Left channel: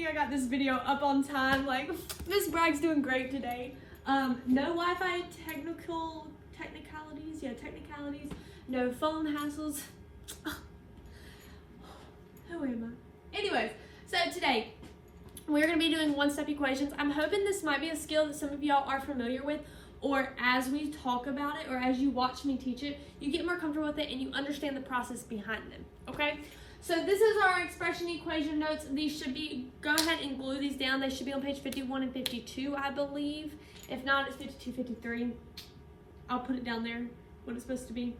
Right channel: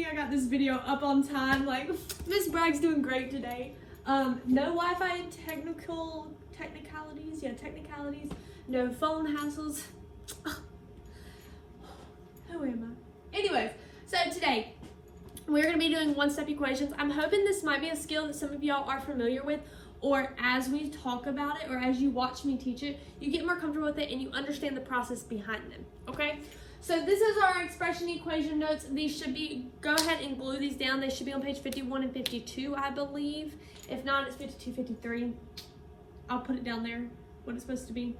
amazing I got this video up on time. Like, Miss Bragg's doing great today. No Wi-Fi technicalities, no phone hassles. Who am I? Anyways, so today we're going to be doing one-step equations. I'm hoping this might be a skill that some of y'all are familiar with, or as we talk about it, or as you watch me teach it, you get more comfortable with it and you understand the process behind them, okay? So this is our expression equation notes. These should be, go ahead and glue these down. They should be on page 51 and 52, I believe. If not, it's 52, 53. I'll put it down there, what it's supposed to be.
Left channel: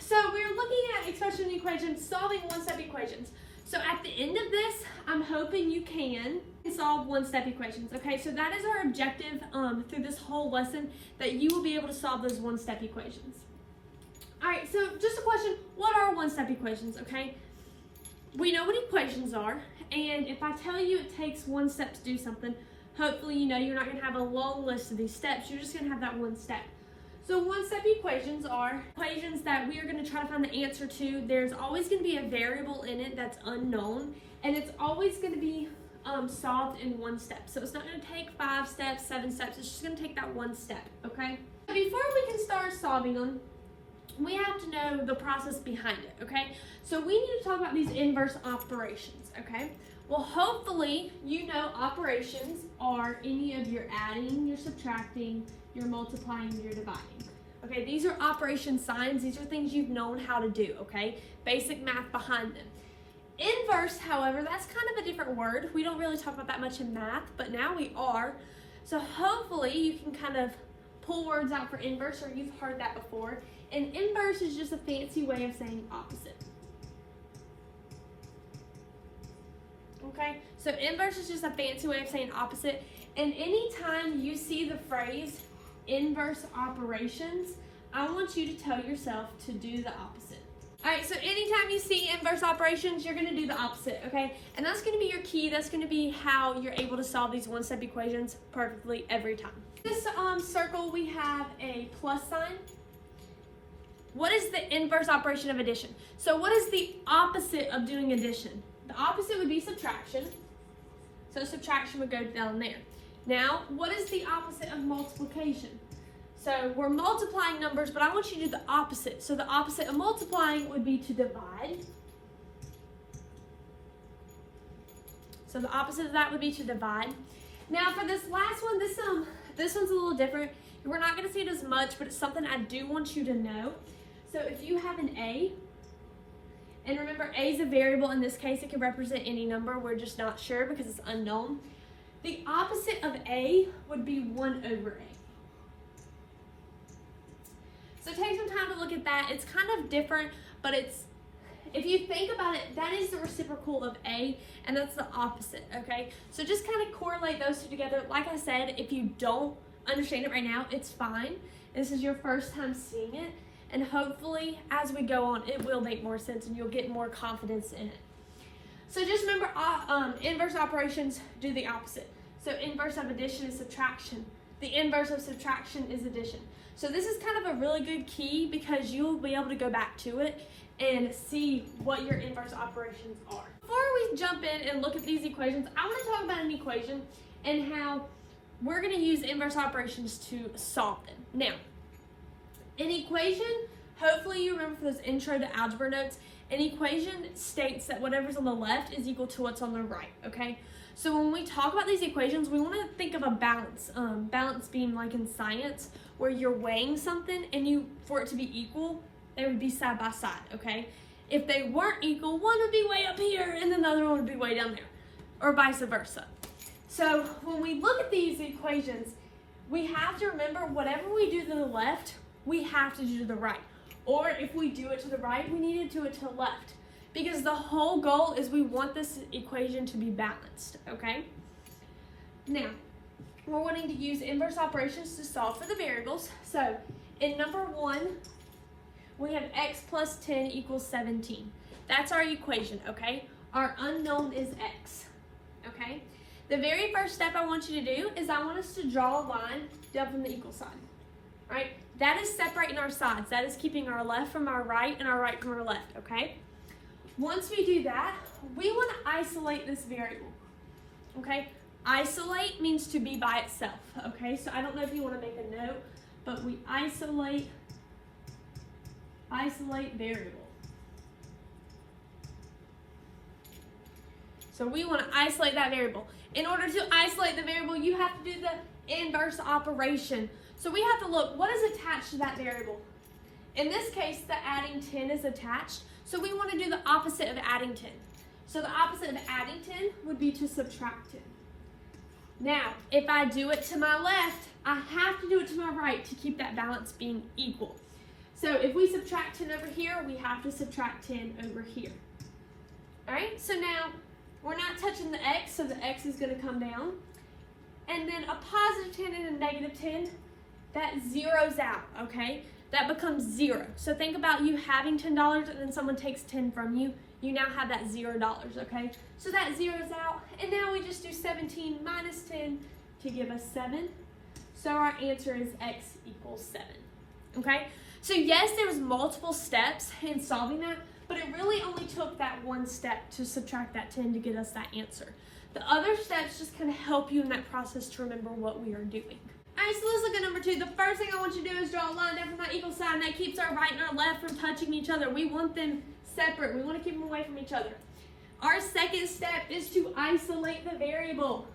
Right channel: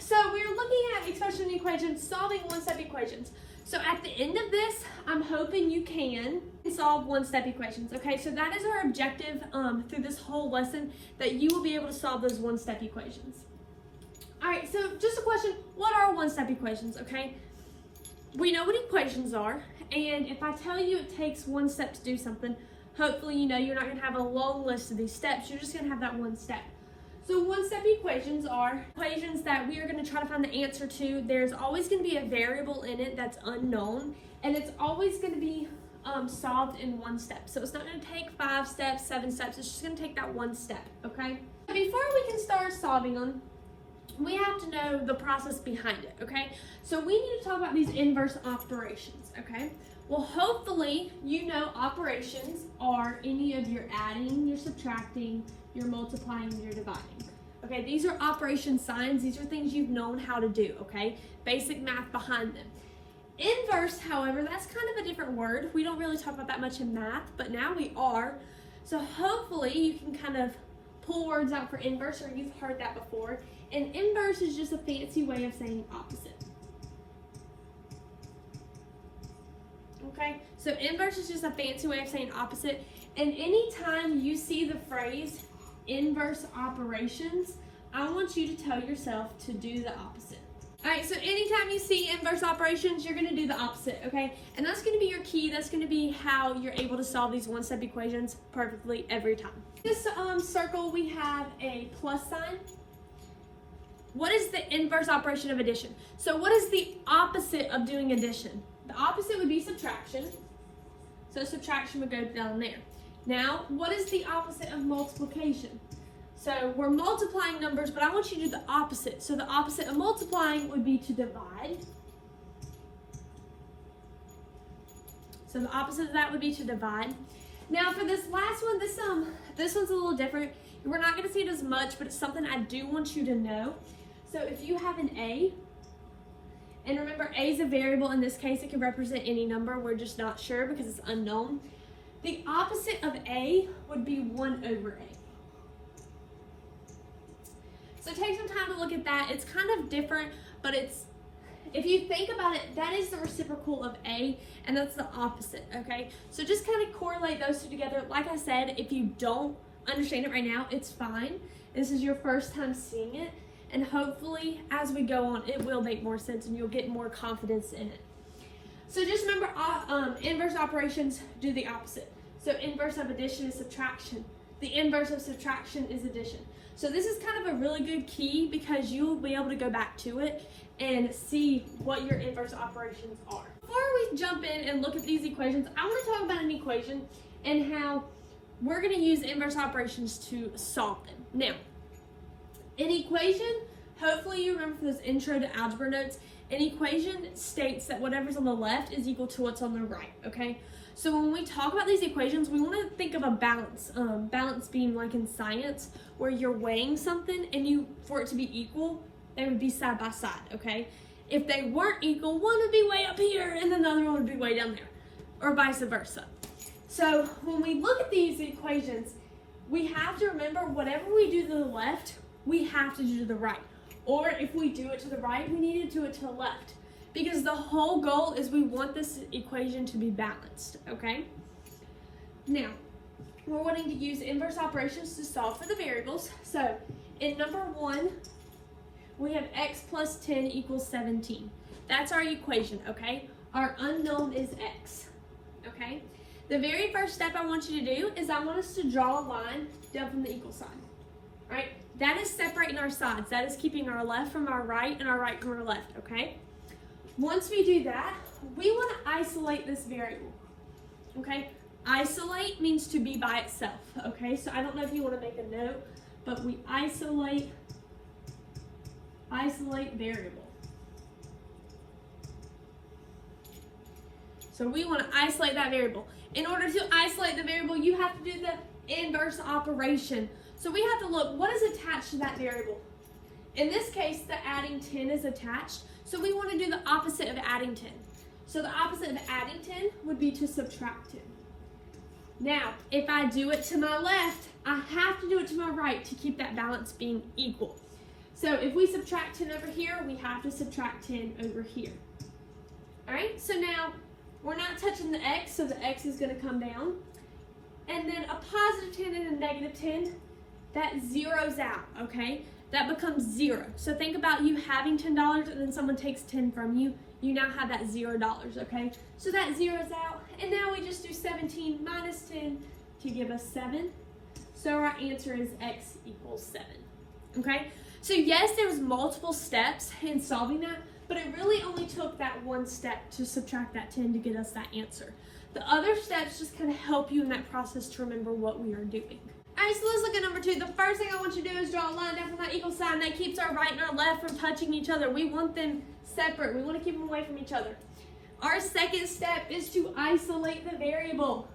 So we're looking at expression equations, solving one-step equations. So at the end of this, I'm hoping you can solve one-step equations, okay? So that is our objective through this whole lesson, that you will be able to solve those one-step equations. All right, so just a question, what are one-step equations, okay? We know what equations are, and if I tell you it takes one step to do something, hopefully you know you're not gonna have a long list of these steps, you're just gonna have that one step. So one-step equations are equations that we are going to try to find the answer to. There's always going to be a variable in it that's unknown, and it's always going to be solved in one step. So it's not going to take 5 steps, 7 steps. It's just going to take that one step, okay? Before we can start solving them, we have to know the process behind it, okay? So we need to talk about these inverse operations, okay? Well, hopefully you know operations are any of your adding, your subtracting, your multiplying, your dividing. Okay, these are operation signs. These are things you've known how to do, okay? Basic math behind them. Inverse, however, that's kind of a different word. We don't really talk about that much in math, but now we are. So hopefully you can kind of pull words out for inverse, or you've heard that before. And inverse is just a fancy way of saying opposite. Okay, so inverse is just a fancy way of saying opposite. And anytime you see the phrase inverse operations, I want you to tell yourself to do the opposite. All right, so anytime you see inverse operations, you're gonna do the opposite, okay? And that's gonna be your key. That's gonna be how you're able to solve these one-step equations perfectly every time. This circle, we have a plus sign. What is the inverse operation of addition? So what is the opposite of doing addition? The opposite would be subtraction. So subtraction would go down there. Now, what is the opposite of multiplication? So we're multiplying numbers, but I want you to do the opposite. So the opposite of multiplying would be to divide. So the opposite of that would be to divide. Now for this last one, this one's a little different. We're not gonna see it as much, but it's something I do want you to know. So if you have an A, and remember A is a variable, in this case it can represent any number, we're just not sure because it's unknown. The opposite of A would be 1 over A. So take some time to look at that. It's kind of different, but if you think about it, that is the reciprocal of A, and that's the opposite, okay? So just kind of correlate those two together. Like I said, if you don't understand it right now, it's fine. This is your first time seeing it, and hopefully as we go on, it will make more sense and you'll get more confidence in it. So just remember, inverse operations do the opposite. So inverse of addition is subtraction. The inverse of subtraction is addition. So this is kind of a really good key because you'll be able to go back to it and see what your inverse operations are. Before we jump in and look at these equations, I want to talk about an equation and how we're going to use inverse operations to solve them. Now, an equation, hopefully you remember from those intro to algebra notes, an equation states that whatever's on the left is equal to what's on the right, okay? So when we talk about these equations, we want to think of a balance. Balance being like in science, where you're weighing something and for it to be equal, they would be side by side, okay? If they weren't equal, one would be way up here and the other one would be way down there, or vice versa. So when we look at these equations, we have to remember whatever we do to the left, we have to do to the right. Or if we do it to the right, we need to do it to the left. Because the whole goal is we want this equation to be balanced, okay? Now, we're wanting to use inverse operations to solve for the variables. So in number 1, we have x plus 10 equals 17. That's our equation, okay? Our unknown is x, okay? The very first step I want you to do is I want us to draw a line down from the equal sign, right? That is separating our sides. That is keeping our left from our right and our right from our left, okay? Once we do that, we want to isolate this variable, okay? Isolate means to be by itself, okay? So I don't know if you want to make a note, but we isolate variable. So we want to isolate that variable. In order to isolate the variable, you have to do the inverse operation. So we have to look, what is attached to that variable? In this case, the adding 10 is attached. So we want to do the opposite of adding 10. So the opposite of adding 10 would be to subtract 10. Now, if I do it to my left, I have to do it to my right to keep that balance being equal. So if we subtract 10 over here, we have to subtract 10 over here. All right, so now we're not touching the x, so the x is going to come down. And then a positive 10 and a negative 10, that zeroes out, okay? That becomes 0. So think about you having $10 and then someone takes 10 from you. You now have that $0, okay? So that zeroes out. And now we just do 17 minus 10 to give us 7. So our answer is x equals 7, okay? So yes, there was multiple steps in solving that, but it really only took that one step to subtract that 10 to get us that answer. The other steps just kind of help you in that process to remember what we are doing. All right, so let's look at number 2. The first thing I want you to do is draw a line down from that equal sign that keeps our right and our left from touching each other. We want them separate. We want to keep them away from each other. Our second step is to isolate the variable.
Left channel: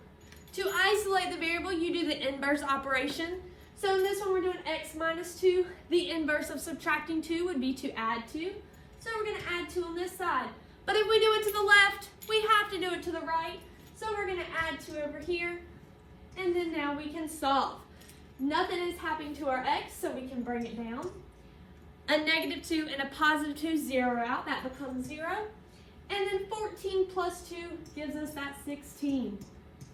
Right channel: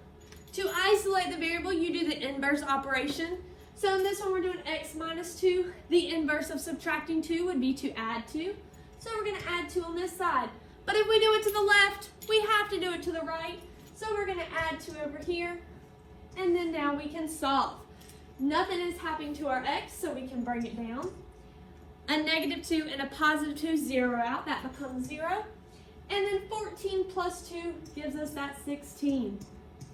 To isolate the variable, you do the inverse operation. So in this one, we're doing x minus 2. The inverse of subtracting 2 would be to add 2. So we're going to add 2 on this side. But if we do it to the left, we have to do it to the right. So we're going to add 2 over here. And then now we can solve. Nothing is happening to our x, so we can bring it down. A negative 2 and a positive 2 zero out. That becomes 0. And then 14 plus 2 gives us that 16.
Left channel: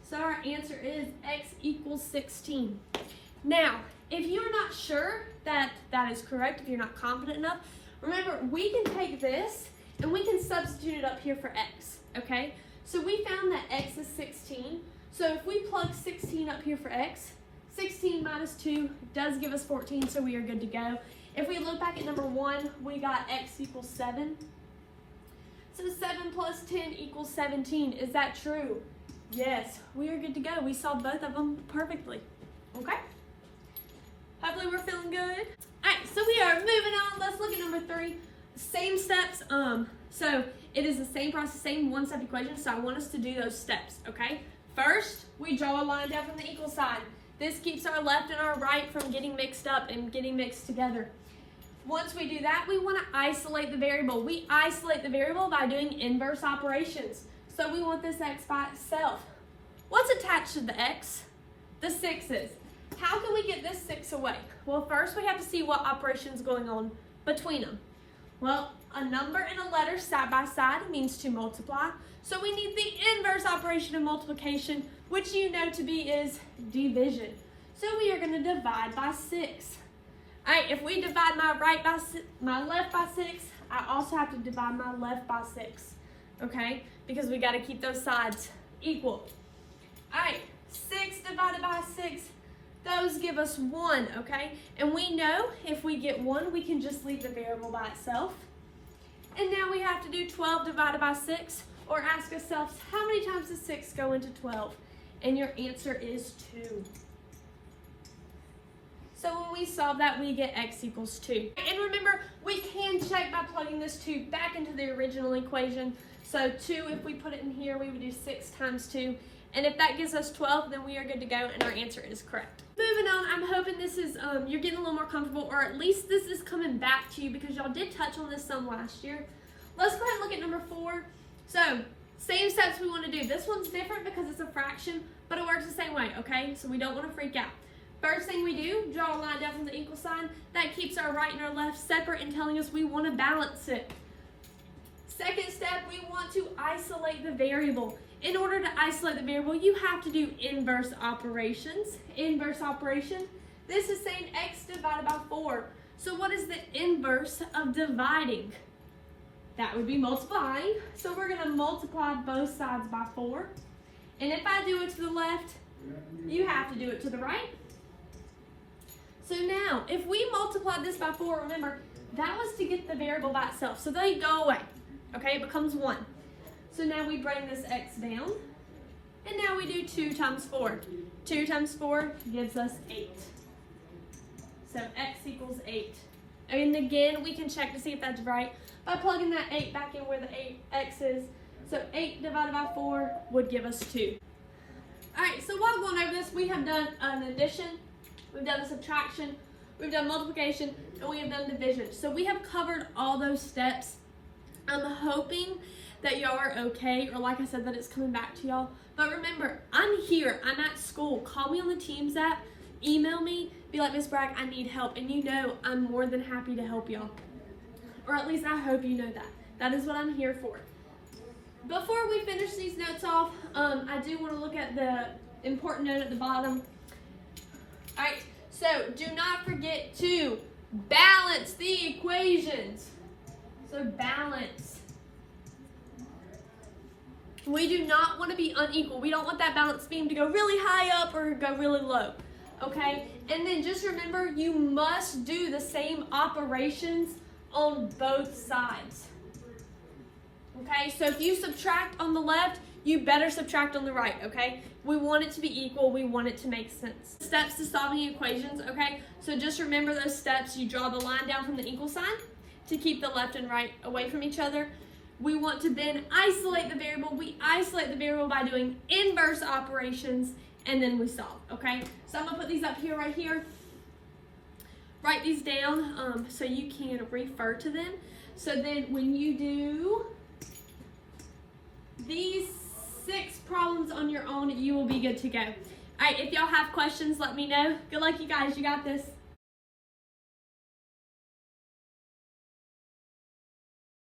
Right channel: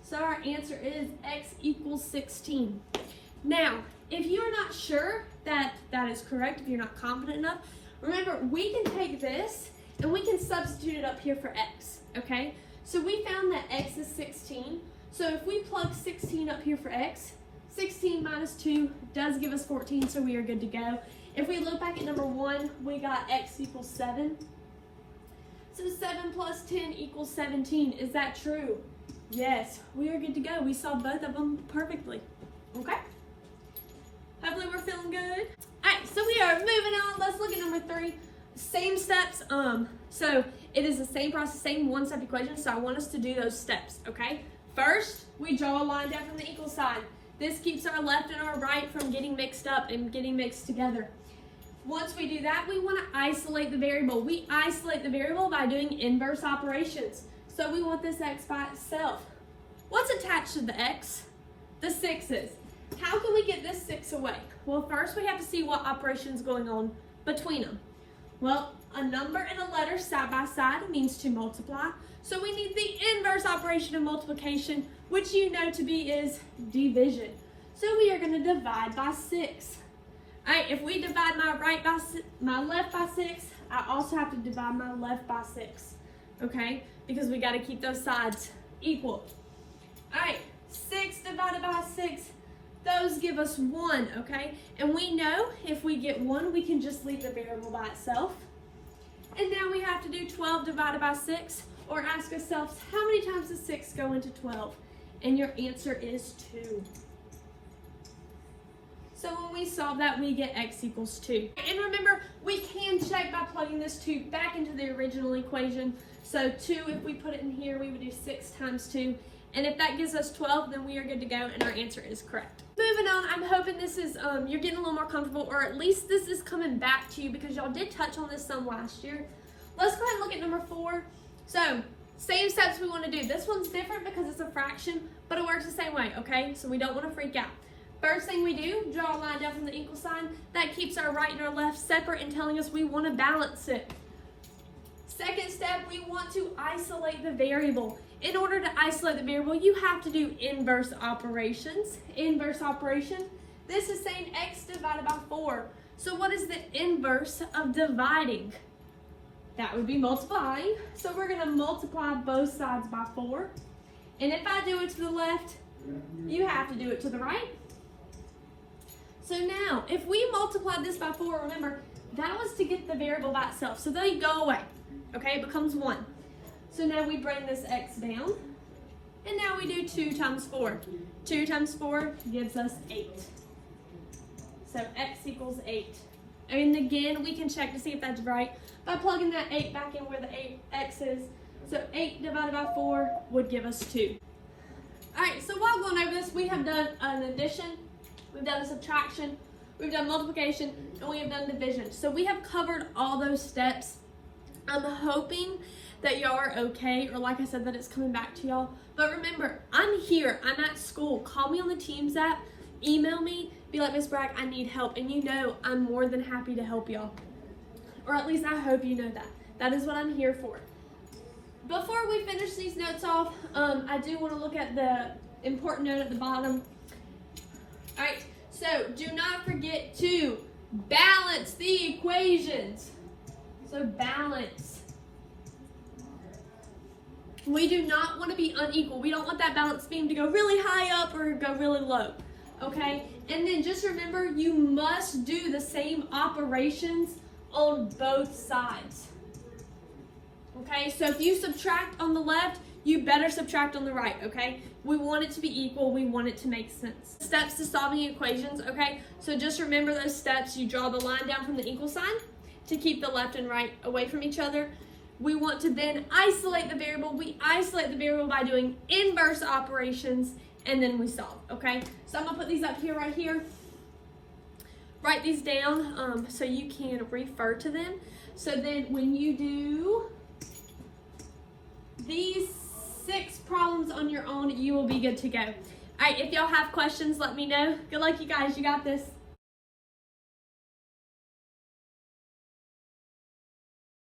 So our answer is x equals 16. Now, if you're not sure that that is correct, if you're not confident enough, remember, we can take this and we can substitute it up here for x, okay? So we found that x is 16. So if we plug 16 up here for x, 16 minus 2 does give us 14, so we are good to go. If we look back at number 1, we got x equals 7. So 7 plus 10 equals 17. Is that true? Yes, we are good to go. We solved both of them perfectly. Okay? Hopefully we're feeling good. Alright, so we are moving on. Let's look at number 3. Same steps. So it is the same process, same one-step equation. So I want us to do those steps, okay? First, we draw a line down from the equal sign. This keeps our left and our right from getting mixed up and getting mixed together. Once we do that, we want to isolate the variable. We isolate the variable by doing inverse operations. So we want this x by itself. What's attached to the x? The 6's. How can we get this 6 away? Well, first we have to see what operation is going on between them. Well, a number and a letter side by side means to multiply. So we need the inverse operation of multiplication, which you know to be is division. So we are going to divide by 6. All right, if we divide my left by 6, I also have to divide my left by 6, okay? Because we got to keep those sides equal. All right, 6 divided by 6, those give us 1, okay? And we know if we get 1, we can just leave the variable by itself. And now we have to do 12 divided by 6, or ask ourselves, how many times does 6 go into 12? And your answer is 2. So when we solve that, we get x equals 2. And remember, we can check by plugging this 2 back into the original equation. So 2, if we put it in here, we would do 6 times 2. And if that gives us 12, then we are good to go, and our answer is correct. Moving on, I'm hoping this is, you're getting a little more comfortable, or at least this is coming back to you because y'all did touch on this some last year. Let's go ahead and look at number 4. So, same steps we want to do. This one's different because it's a fraction, but it works the same way, okay? So we don't want to freak out. First thing we do, draw a line down from the equal sign. That keeps our right and our left separate and telling us we want to balance it. Second step, we want to isolate the variable. In order to isolate the variable, you have to do inverse operations. Inverse operation, this is saying x divided by 4. So what is the inverse of dividing? That would be multiplying. So we're going to multiply both sides by 4. And if I do it to the left, you have to do it to the right. So now, if we multiply this by 4, remember, that was to get the variable by itself. So they go away. Okay, it becomes 1. So now we bring this x down. And now we do 2 times 4. 2 times 4 gives us 8. So x equals 8. And again, we can check to see if that's right by plugging that 8 back in where the x is. So 8 divided by 4 would give us 2. Alright, so while going over this, we have done an addition, we've done a subtraction, we've done multiplication, and we have done division. So we have covered all those steps. I'm hoping that y'all are okay, or like I said, that it's coming back to y'all. But remember, I'm here, I'm at school. Call me on the Teams app, email me, be like, Miss Bragg, I need help. And you know I'm more than happy to help y'all. Or at least I hope you know that. That is what I'm here for. Before we finish these notes off, I do want to look at the important note at the bottom. All right, so do not forget to balance the equations. So balance. We do not want to be unequal. We don't want that balance beam to go really high up or go really low, okay? And then just remember, you must do the same operations on both sides. Okay, so if you subtract on the left, you better subtract on the right, okay? We want it to be equal, we want it to make sense. Steps to solving equations, okay? So just remember those steps. You draw the line down from the equal sign to keep the left and right away from each other. We want to then isolate the variable. We isolate the variable by doing inverse operations, and then we solve, okay? So I'm gonna put these up here, right here. Write these down so you can refer to them. So then when you do these 6 problems on your own, you will be good to go. All right, if y'all have questions, let me know. Good luck, you guys. You got this.